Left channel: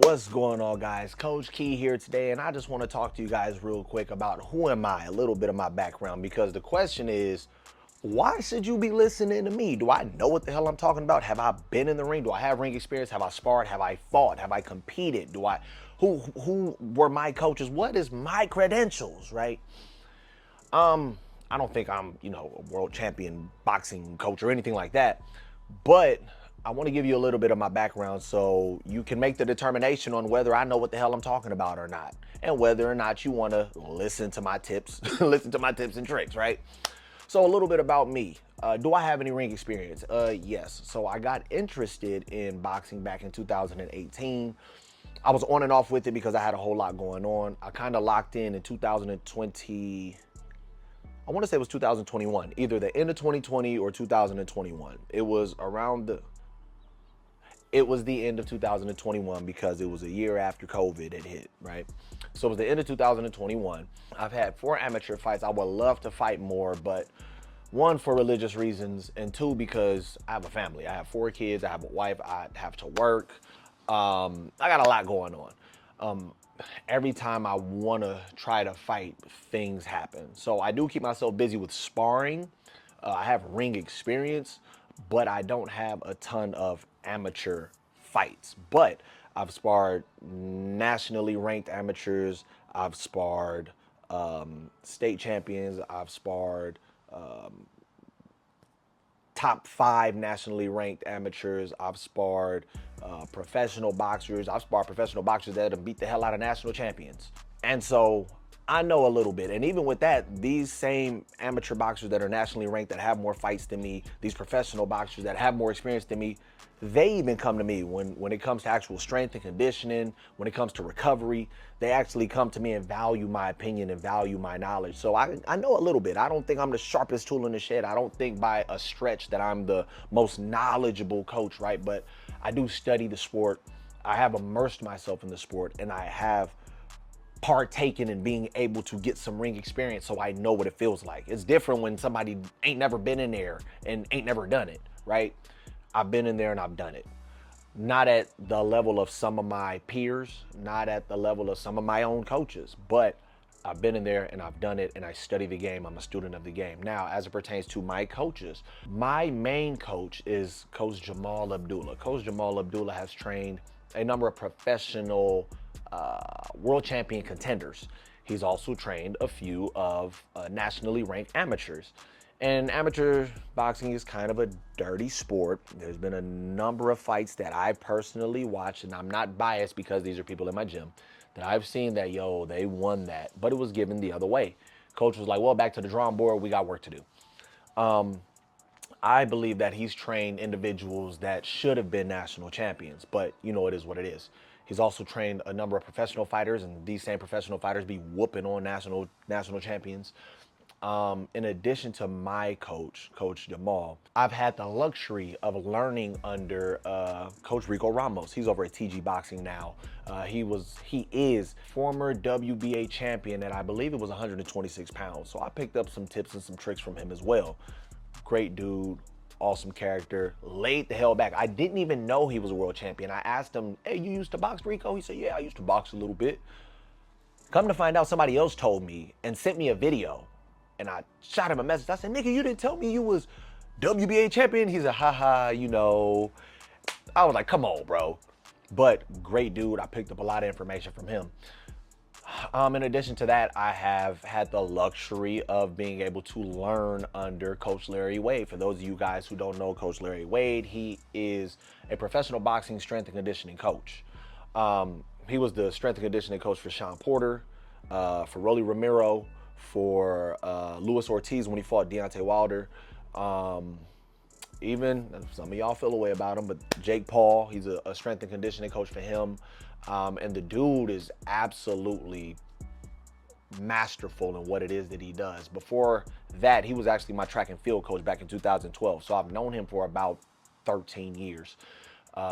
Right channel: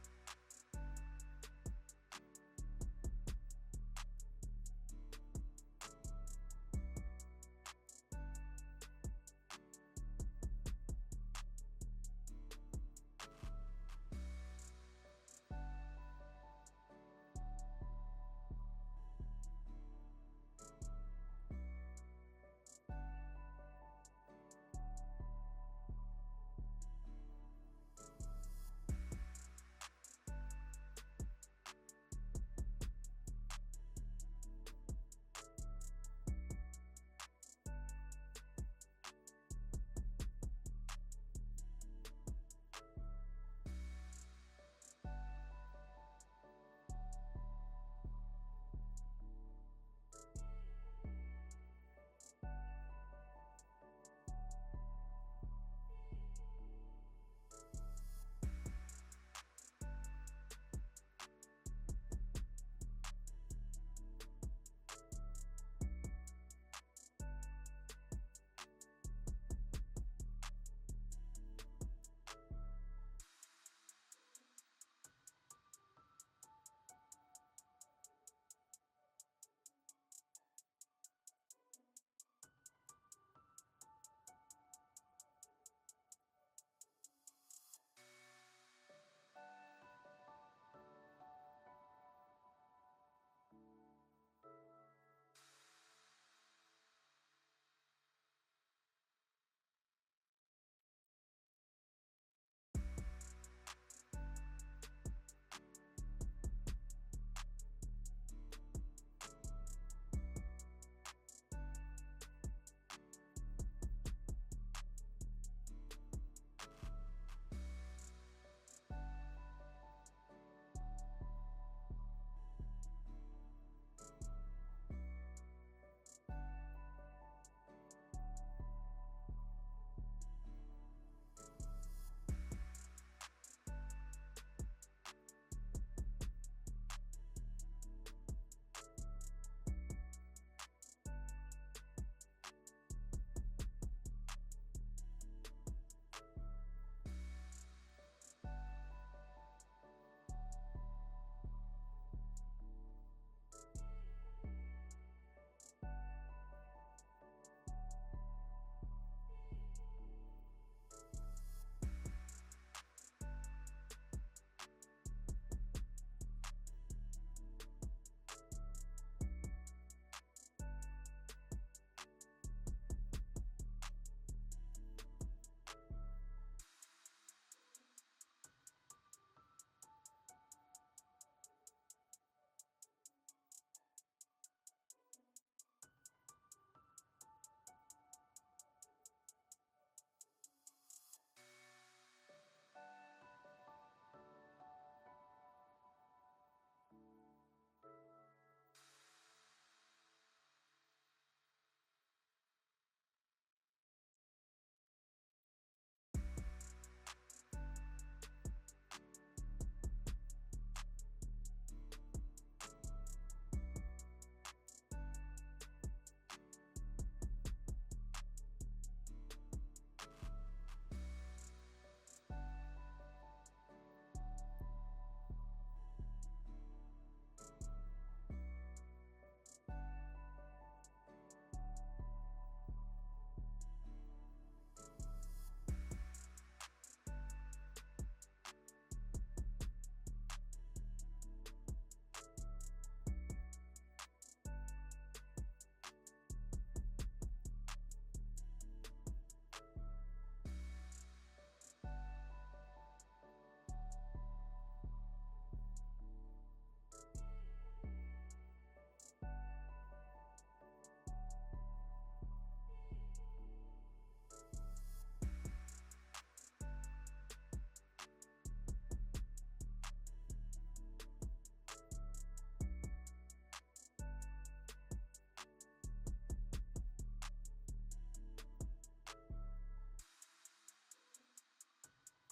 What's going on, guys? Coach Key here today, and I just want to talk to you guys real quick about who am I, a little bit of my background, because the question is, why should you be listening to me? Do I know what the hell I'm talking about? Have I been in the ring? Do I have ring experience? Have I sparred? Have I fought? Have I competed? Who were my coaches? What is my credentials, right? I don't think I'm, a world champion boxing coach or anything like that. But I want to give you a little bit of my background so you can make the determination on whether I know what the hell I'm talking about or not, and whether or not you want to listen to my tips, listen to my tips and tricks, right? So a little bit about me. Do I have any ring experience? Yes. So I got interested in boxing back in 2018. I was on and off with it because I had a whole lot going on. I kind of locked in 2020. I want to say it was 2021, either the end of 2020 or 2021. It was the end of 2021 because it was a year after COVID had hit, right? So it was the end of 2021. I've had 4 amateur fights. I would love to fight more, but one, for religious reasons, and two, because I have a family. I have 4 kids, I have a wife, I have to work. I got a lot going on. Every time I want to try to fight, things happen. So I do keep myself busy with sparring. I have ring experience, but I don't have a ton of amateur fights. But I've sparred nationally ranked amateurs. I've sparred state champions. I've sparred top 5 nationally ranked amateurs. I've sparred professional boxers. I've sparred professional boxers that have beat the hell out of national champions. And so I know a little bit. And even with that, these same amateur boxers that are nationally ranked, that have more fights than me, these professional boxers that have more experience than me, they even come to me when it comes to actual strength and conditioning, when it comes to recovery. They actually come to me and value my opinion and value my knowledge. So I know a little bit. I don't think I'm the sharpest tool in the shed. I don't think by a stretch that I'm the most knowledgeable coach, right? But I do study the sport. I have immersed myself in the sport, and I have partaken in being able to get some ring experience, so I know what it feels like. It's different when somebody ain't never been in there and ain't never done it, right? I've been in there and I've done it. Not at the level of some of my peers, not at the level of some of my own coaches, but I've been in there and I've done it, and I study the game. I'm a student of the game. Now, as it pertains to my coaches, my main coach is Coach Jamal Abdullah. Coach Jamal Abdullah has trained a number of professional world champion contenders. He's also trained a few of nationally ranked amateurs. And amateur boxing is kind of a dirty sport. There's been a number of fights that I personally watched, and I'm not biased because these are people in my gym, that I've seen that, they won that, but it was given the other way. Coach was like, well, back to the drawing board, we got work to do. I believe that he's trained individuals that should have been national champions, but it is what it is. He's also trained a number of professional fighters, and these same professional fighters be whooping on national champions. In addition to my coach, Coach Jamal, I've had the luxury of learning under Coach Rico Ramos. He's over at TG Boxing now. He is former WBA champion, and I believe it was 126 pounds. So I picked up some tips and some tricks from him as well. Great dude, awesome character, laid the hell back. I didn't even know he was a world champion. I asked him, hey, you used to box, Rico? He said, yeah, I used to box a little bit. Come to find out, somebody else told me and sent me a video. And I shot him a message. I said, nigga, you didn't tell me you was WBA champion? He said, haha, I was like, come on, bro. But great dude. I picked up a lot of information from him. In addition to that, I have had the luxury of being able to learn under Coach Larry Wade. For those of you guys who don't know Coach Larry Wade, he is a professional boxing strength and conditioning coach. He was the strength and conditioning coach for Sean Porter, for Rolly Romero, for Luis Ortiz when he fought Deontay Wilder. Even some of y'all feel a way about him, but Jake Paul, he's a strength and conditioning coach for him. And the dude is absolutely masterful in what it is that he does. Before that, he was actually my track and field coach back in 2012. So I've known him for about 13 years.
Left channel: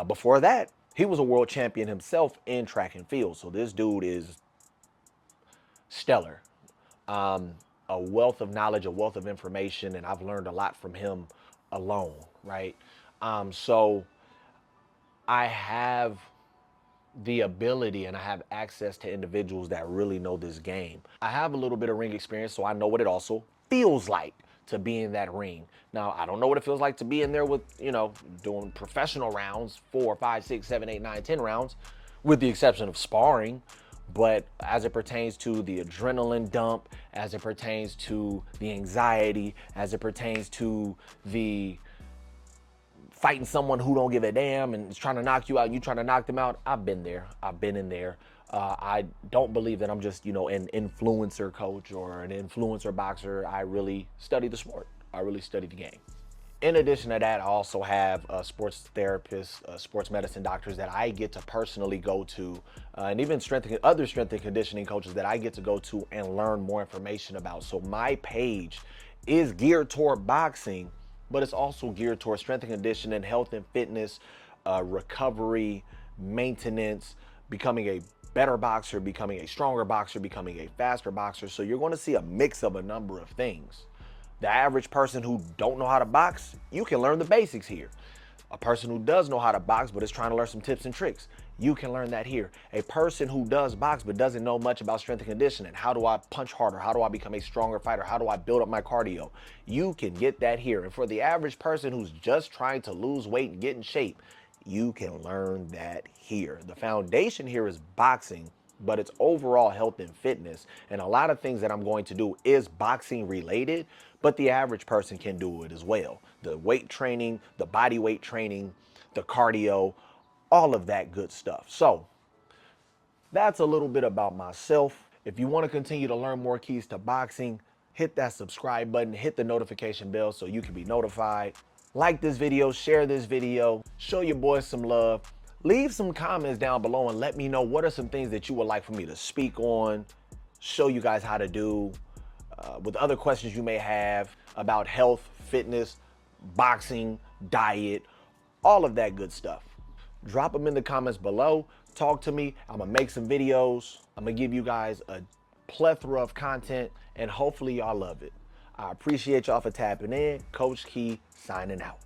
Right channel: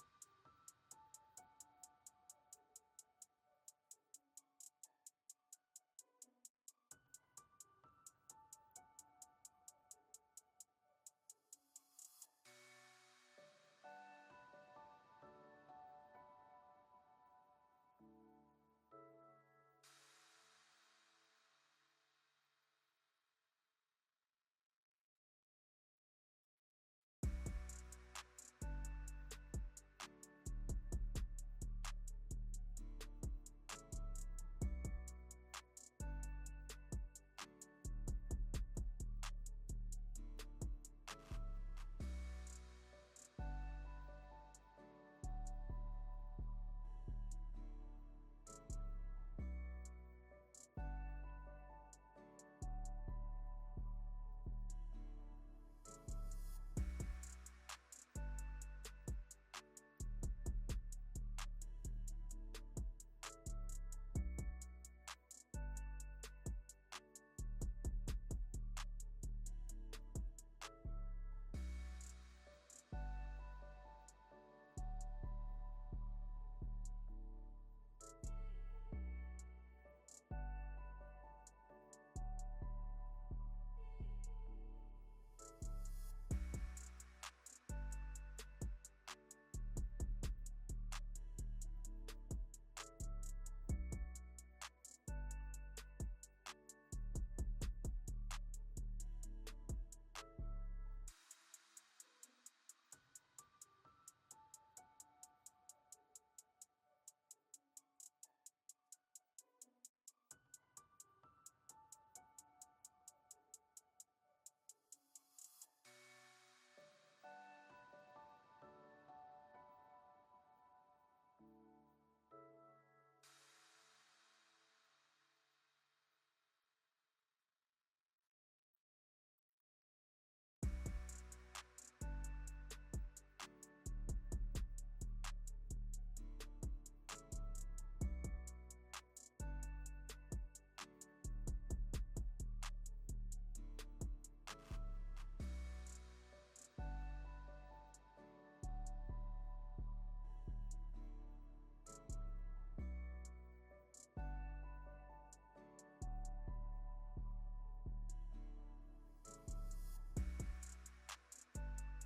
Before that, he was a world champion himself in track and field. So this dude is stellar. A wealth of knowledge, a wealth of information, and I've learned a lot from him alone, right? So I have the ability and I have access to individuals that really know this game. I have a little bit of ring experience, so I know what it also feels like to be in that ring. Now, I don't know what it feels like to be in there with, doing professional rounds, 4, 5, 6, 7, 8, 9, 10 rounds, with the exception of sparring. But as it pertains to the adrenaline dump, as it pertains to the anxiety, as it pertains to the fighting someone who don't give a damn and is trying to knock you out and you trying to knock them out, I've been there. I've been in there. I don't believe that I'm just, an influencer coach or an influencer boxer. I really study the sport. I really study the game. In addition to that, I also have sports therapists, sports medicine doctors that I get to personally go to, and even other strength and conditioning coaches that I get to go to and learn more information about. So my page is geared toward boxing, but it's also geared towards strength and conditioning, health and fitness, recovery, maintenance, becoming a better boxer, becoming a stronger boxer, becoming a faster boxer. So you're going to see a mix of a number of things. The average person who don't know how to box, you can learn the basics here. A person who does know how to box but is trying to learn some tips and tricks, you can learn that here. A person who does box but doesn't know much about strength and conditioning, how do I punch harder? How do I become a stronger fighter? How do I build up my cardio? You can get that here. And for the average person who's just trying to lose weight and get in shape, you can learn that here. The foundation here is boxing, but it's overall health and fitness. And a lot of things that I'm going to do is boxing related, but the average person can do it as well. The weight training, the body weight training, the cardio, all of that good stuff. So that's a little bit about myself. If you want to continue to learn more keys to boxing, hit that subscribe button, hit the notification bell so you can be notified. Like this video, share this video, show your boys some love. Leave some comments down below and let me know what are some things that you would like for me to speak on, show you guys how to do, with other questions you may have about health, fitness, boxing, diet, all of that good stuff. Drop them in the comments below. Talk to me. I'm going to make some videos. I'm going to give you guys a plethora of content, and hopefully y'all love it. I appreciate y'all for tapping in. Coach Key signing out.